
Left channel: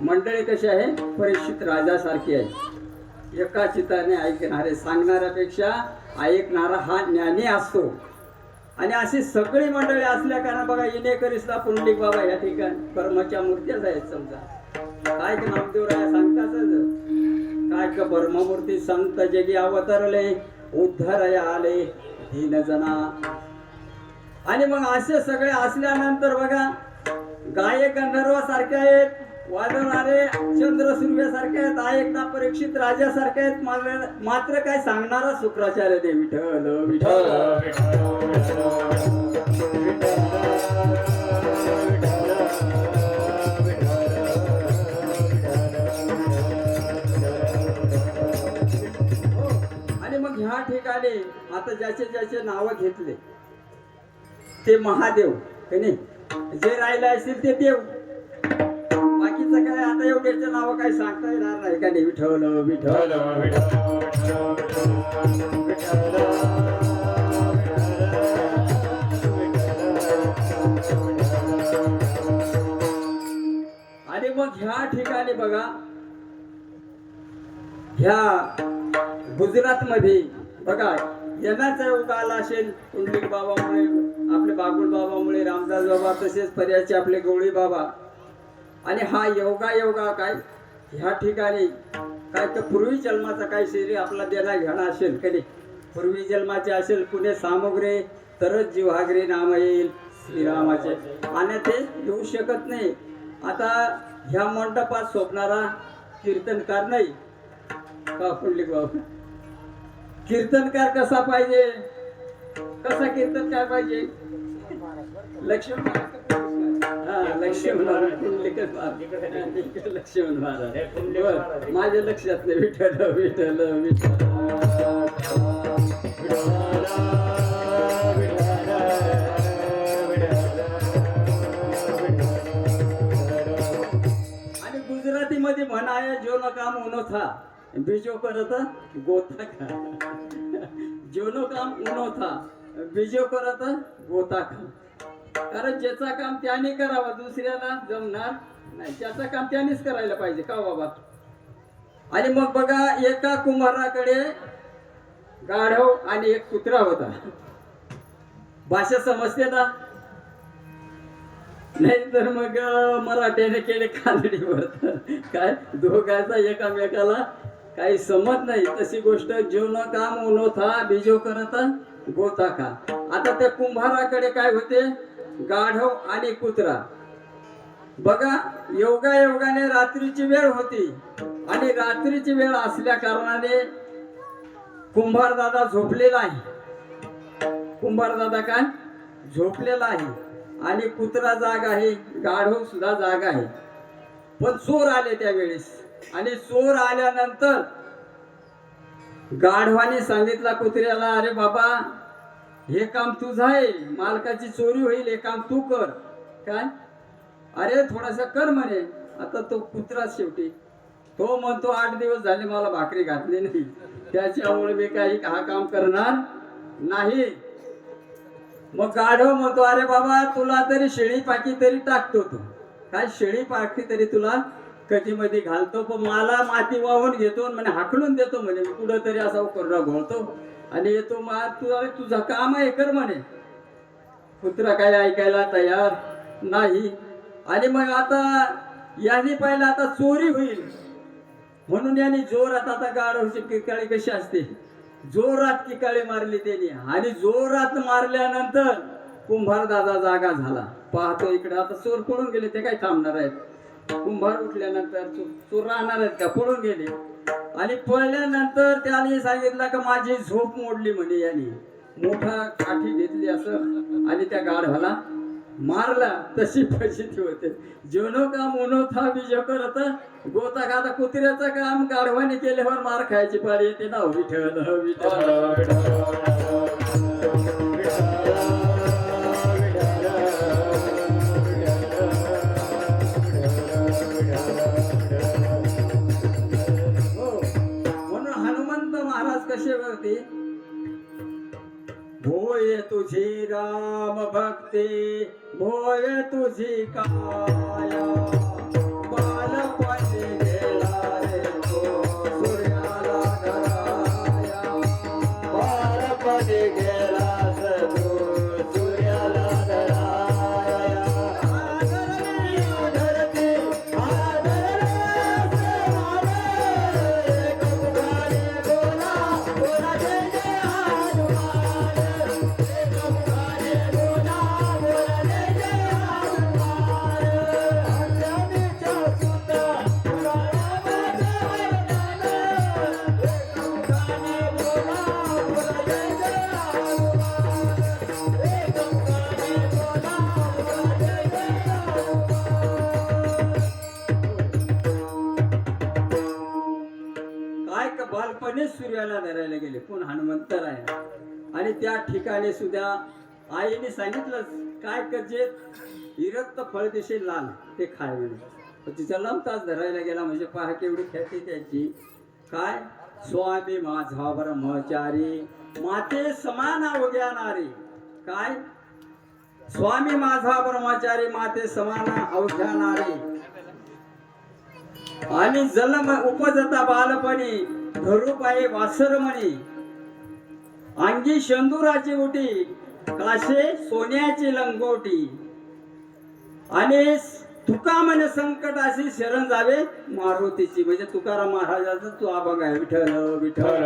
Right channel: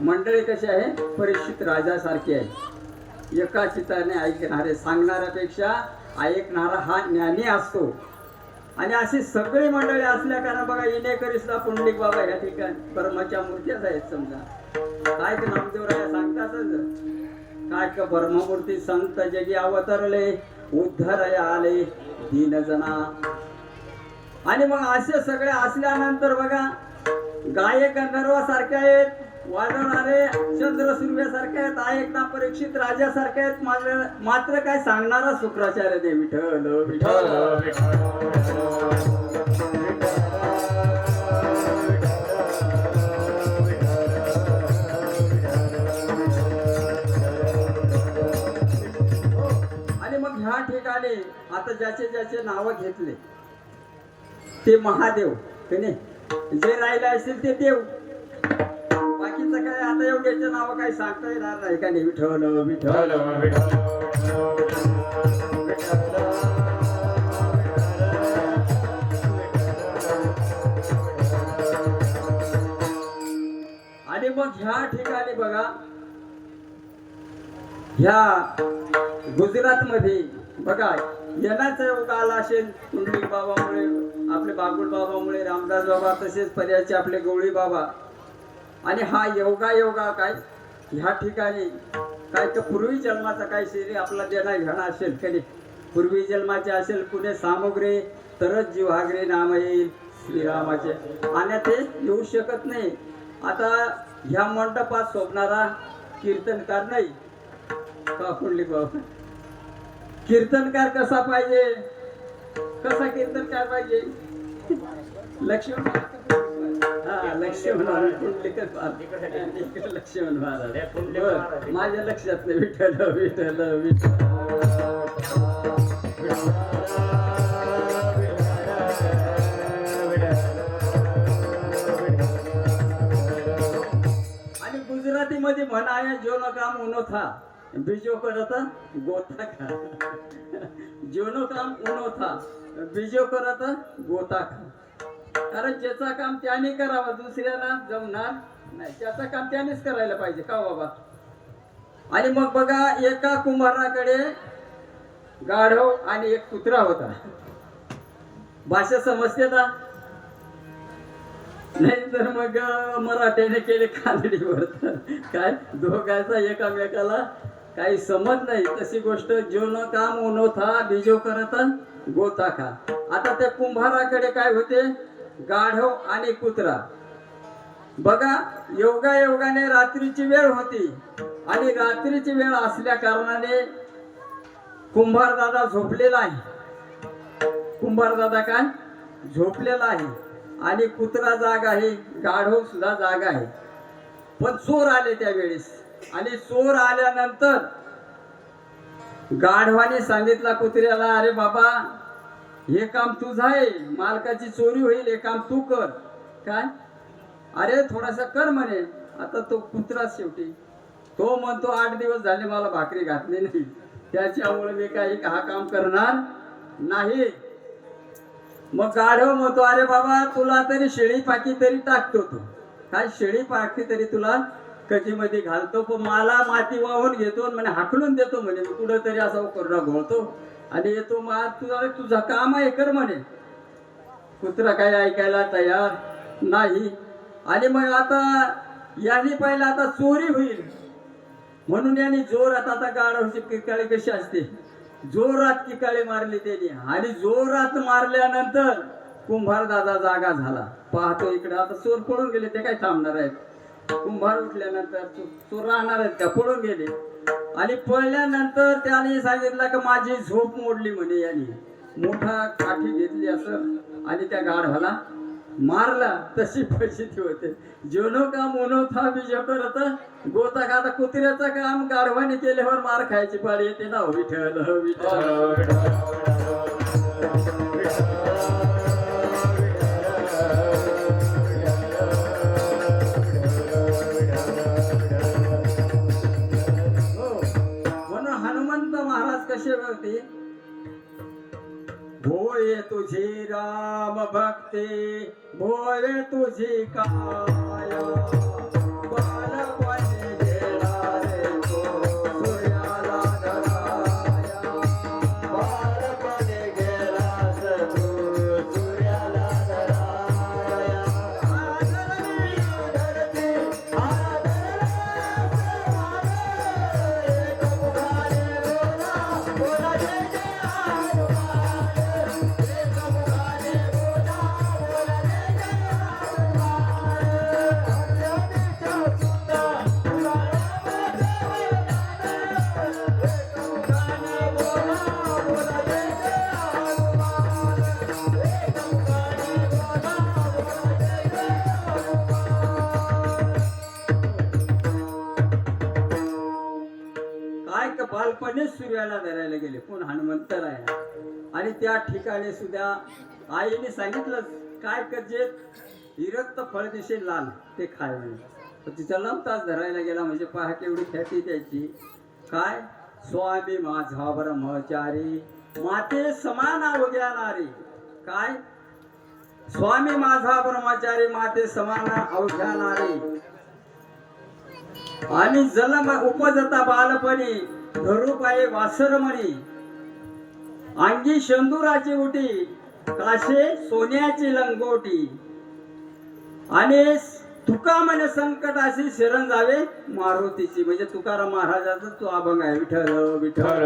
मंडळी कशी आहे, परीक्षित राजासारखी आहे. एका चित्ताने ऐकणारे, सांगणाऱ्यापेक्षा ऐकणारा हा ज्ञानी असतो. आणि अशी सगळी मंडळी असल्या कारण बघा येणेकरीसला पुंडलिक बाबा या ठिकाणी परमाच्या मूर्त्याच आहेत. समजा काय का नामदेवराया सांगतातच काय का ब्रह्ममूर्ती संत जगी अवतरले, उद्धरया आले दीनजना. आणि मग असे सगळे असल्यानंतर बघा गायक गंधर्वासारखे आहेत, वाजवणारे चंद्र सूर्यासारखे आहेत, ऐकणा परीक्षित राजासारखे आहेत. मात्र काय सांगणारा शुक्राचार्य दे विठ्ठल विठ्ठल. आणि मग ह्या ठिकाणी आता ज्याचे ज्याचे नाव घेतले ते महादेव की नाही, जे राहिले असतील ते देव. बाकीचं काय आता एवढ्याचे नाव काय सांगता येणार नाही का नाही. विठ्ठल विठ्ठल आणि मग ह्या ठिकाणी बघा ह्या गुजरात मध्ये बघा येण्याचा योग आला असेल पुंडलिक बाबामुळे, आपले बागुल बाबामुळे, रामदास बाबा, तसेच पर्यायचे आपले गवळी बाबा. आणि हा योगा काय ह्या ठिकाणी काय तर पूर्वी जन्माचा काही शरीर आपला देणा घेणं असेल कधी पूर्वी जन्माचे असेल पुणे सामुग्री तरच जीवाग्री नाम येईल श्रीरामाचे आणि ते येऊ शकत नाही. आता ह्या मंडपात शोभणारा कीर्तनकार नाही का पुंडलिक बाबू कीर्तनकार कसा पाहिजे कसा कीर्तनकार पाहिजे लक्ष्मण लक्ष्मण लक्ष्मण महाराज माझ्या लक्षात नाही विठ्ठल विठ्ठल आणि गुजराती मध्ये म्हण आहे जो काम उनो था बीजो करता गोता खा जेवणो काम उनो था बीजो करता गोता खा. कारण ज्याचा काम त्याने करावं दुसऱ्याला जमणार नाही त्याचं काम त्यानेच करायला पाहिजे का बाबा. आणि मग बघा एका कुंभाराकडे गाढव आणि एक कुत्रा होता. भाषा समजते ना नाही तर मग मराठ्याने केले कानडीवर काय दोघांचा एकामेकाला काही समज नाही तशी गोष्ट जेवण काम उनो था बीजो करत गोता खा. आता त्या कुंभाराकडे काय होते गाढव आणि कुत्रा. बघा योगाने रात्रीची वेळ होती आणि रात्रीची वेळ असल्या कारणाने कुंभार दादा झोपलेला आहे. कुंभार दादा काय झोपलेला आहे आणि कुत्रा जाग आहे गाढव सुद्धा जाग आहे. पण चोर आले त्यावेळेस आणि चोर आल्यानंतर गाढवाने सांगितला कुत्र्याला अरे बाबा हे काम तुझं आहे मालकाची चोरी होईल हे काम तू कर. काय अरे थोडासा कर म्हणे. आता तो कुत्रा शेवटी तो म्हणतो 8 दिवस झाले मला भाकरी घातली नाही त्याच्यामुळे मी काही हा काम करणार नाही. मग गाढव म्हणतो अरे बाबा तुला तरी शेळी पाकी तरी टाकतो तू काय शेळी पाकी तरी तुला कधीमध्ये घालतो पण मला माती वाहून घेतो म्हणे हाकलून देतो म्हणे मी कुठं तरी असा कोरडा घोळतो आणि येतो मग तुझं काम आहे कर म्हणे. कुत्रा काही ऐकायला तयार नाही. आणि मग आता यांनी पाहिलं आता चोरी होईल म्हणून यांनी जोरात आता गाढवची किकाळी कशी असते जोरात किकाळी मारली त्यांनी आणि जोरात मारल्यानंतर कुंभार दादा जागा झाला. पाहतो इकडे आता चोर पळून गेले ते काय थांबणार आहेत. कुंभार उठल्यानंतर चोर राहणार आहेत का पळून गेले आणि पळल्यानंतर त्याने सांगितलं की माझी झोप मोडली म्हणे. यांनी मोठा काठी घेतली असं आणि त्या गाढवाला मारला. तशी परिस्थिती होते जेवणो काम उनो था बीजो करत गोता खाता. कुत्र्याचं काम गाढवाने केल्यावर मार खायची पाळी येते ना विठ्ठल विठ्ठल. भोय तुझी राम भक्ती भोय तुझी काया बालपणी गेला रे तो सूर्याला धराया. बालपणी गेला तो सूर्याला धराया. आदरली आदरती आदरले सेवारे कपुकारी बोला बोला जय जय बालपणीच सूर्याला धरायला गेले कोण हनुमंत आहे. आणि त्या ठिकाणी सुद्धा आईने सांगितलं काय करजे विरक्त फळ दिशे लाल ते खायला तिचा तास धरायला गेला म्हणजे पहा केवढी ख्याती त्याची. काय स्वामी माझा ब्रह्मचारी माते समान अवघ्या नारी. काय स्वामी माझा ब्रह्मचारी माते समान अवघ्या नारी. आणि जन्म उपजता बालपणी धरू पाये वासरमणी. अंगी शेंदुराची उटी काशे सोन्याची लंगोटी. आणि तुका म्हणे संकटाशी शरण जावे मारुतीची, म्हणजे तुकाराम महाराजाचा तो अभंग आहे. विठ्ठल विठ्ठल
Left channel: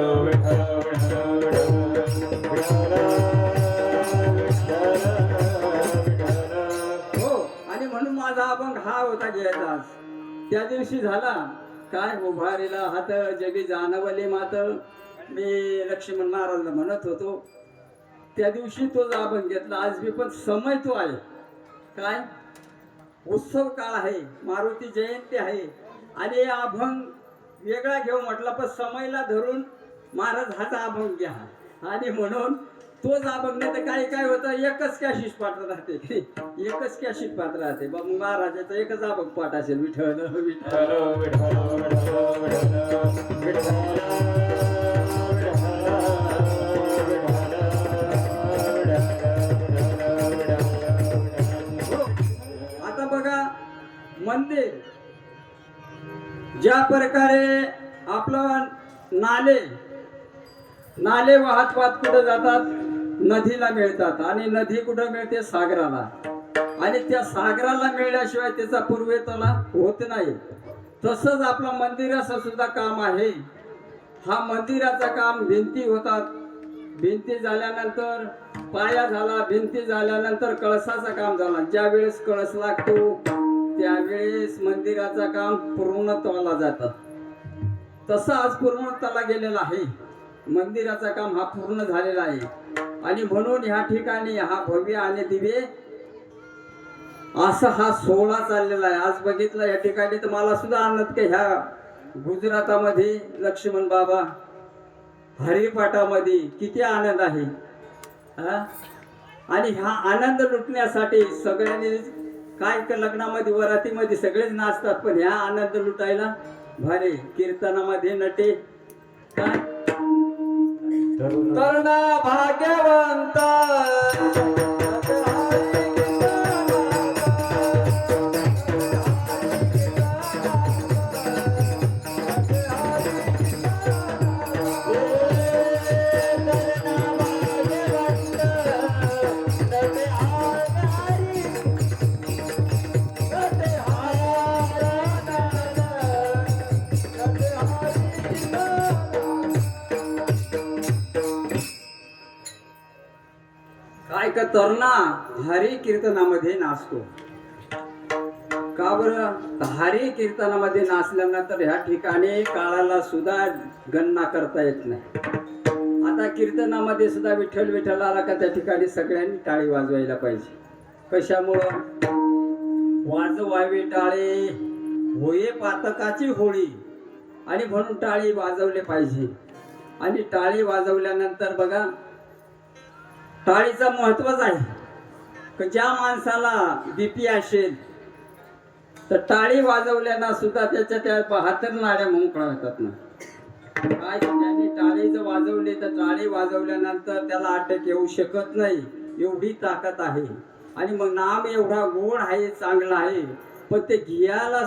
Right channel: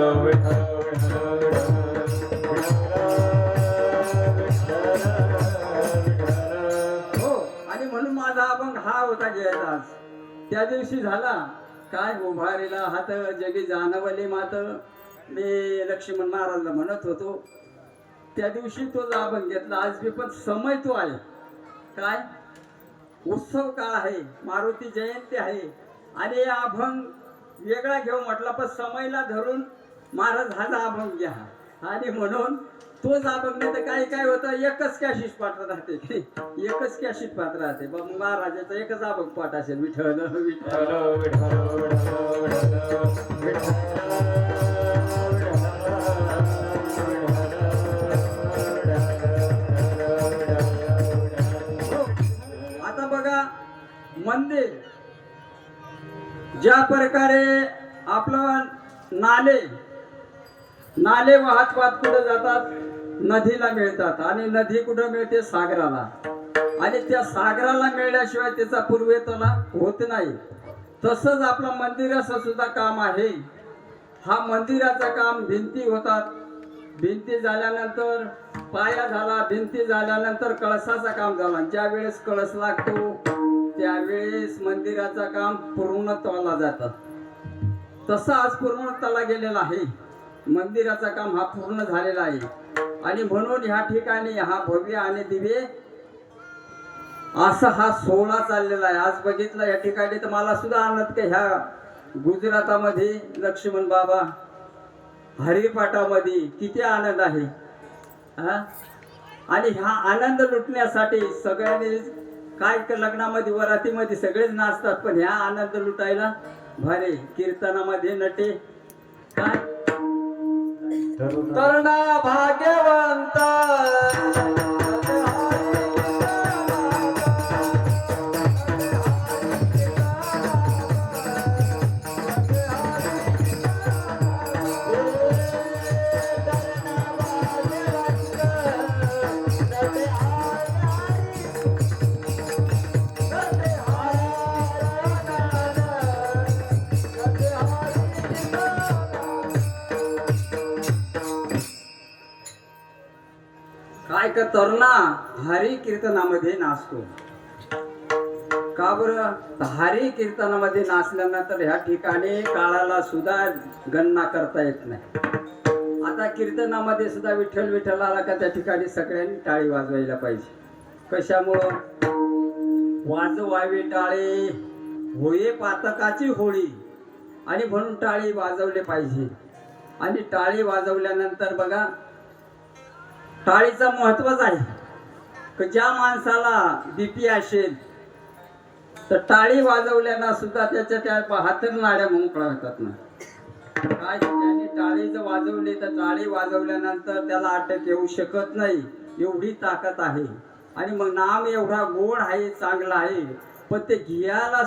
हो. आणि म्हणून माझा अभंग हा होता घ्यायचा. त्या दिवशी झाला काय उभारीला हात जगी जाणवले मात, मी लक्ष्मण महाराजला म्हणत होतो त्या दिवशी तो अभंग घेतला. आज मी पण समय तो आहे काय उत्सव काळ आहे, मारुती जयंती आहे आणि हा अभंग वेगळा घेऊ म्हटला पण समयला धरून महाराज हा अभंग घ्या. आणि म्हणून तोच अभंग नाही तर काही काय होतं एकच कॅशिट पाठ राहते, एकच कॅशिट पाठ राहते. मग महाराजाचं एकच अभंग पाठ असेल. विठ्ठल विठ्ठल आता बघा मंदिर ज्या प्रकारे आपलं नाले नाले वाहत वाहत कुठं जातात नदीला मिळतात आणि नदी कुठं मिळते सागराला, आणि त्या सागराला मिळण्याशिवाय त्याचा पूर्वेपणा होत नाही. तसंच आपलं मंदिराचं सुद्धा काम आहे. हा मंदिराचं काम भिंती होतात, भिंती झाल्यानंतर पाया झाला, भिंती झाल्यानंतर कळसाचं काम झालं. ज्या वेळेस कळस लागतो त्यावेळेस मंदिराचं काम पूर्णत्वाला जातं. तसं आज पूर्णत्वाला गेलेला आहे, मंदिराचं काम हा पूर्ण झालेला आहे. आणि म्हणून ह्या ठिकाणी हा भव्य आणि दिव्य असा हा सोहळा चाललेला आहे. आज बघितलं या ठिकाणी तर मला सुद्धा आनंद की ह्या गुजरातामध्ये लक्ष्मण बाबा हरिपाठामध्ये किती आनंद आहे हा. आणि हा आनंद लुटण्यासाठी सगळ्यांनी काय लग्नामध्ये वरातीमध्ये सगळेच नाचतात, पण ह्या आनंद लुटायला भारी कीर्तनामध्ये नटे काय तरुणा भाग्यवंत काय का तरुणा हरी कीर्तनामध्ये नाचतो का बरं. हरी कीर्तनामध्ये नाचल्यानंतर ह्या ठिकाणी काळाला सुद्धा गणना करता येत नाही. आता कीर्तनामध्ये सुद्धा विठ्ठल विठ्ठल आला का त्या ठिकाणी सगळ्यांनी टाळी वाजवायला पाहिजे. कशामुळं वाजवावी टाळी होये पातकाची होळी, आणि म्हणून टाळी वाजवली पाहिजे. आणि टाळी वाजवल्यानंतर बघा टाळीचं महत्वच आहे की ज्या माणसाला बीपी असेल तर टाळी वाजवल्यानं सुद्धा त्याच्या त्या हातरणाऱ्या म्हणून कळतात ना काय. त्याने टाळी जर वाजवली तर टाळी वाजवल्यानंतर त्याला अटक येऊ शकत नाही, एवढी ताकद आहे. आणि मग नाम एवढा गोड आहे, चांगला आहे, पण ते घ्यायला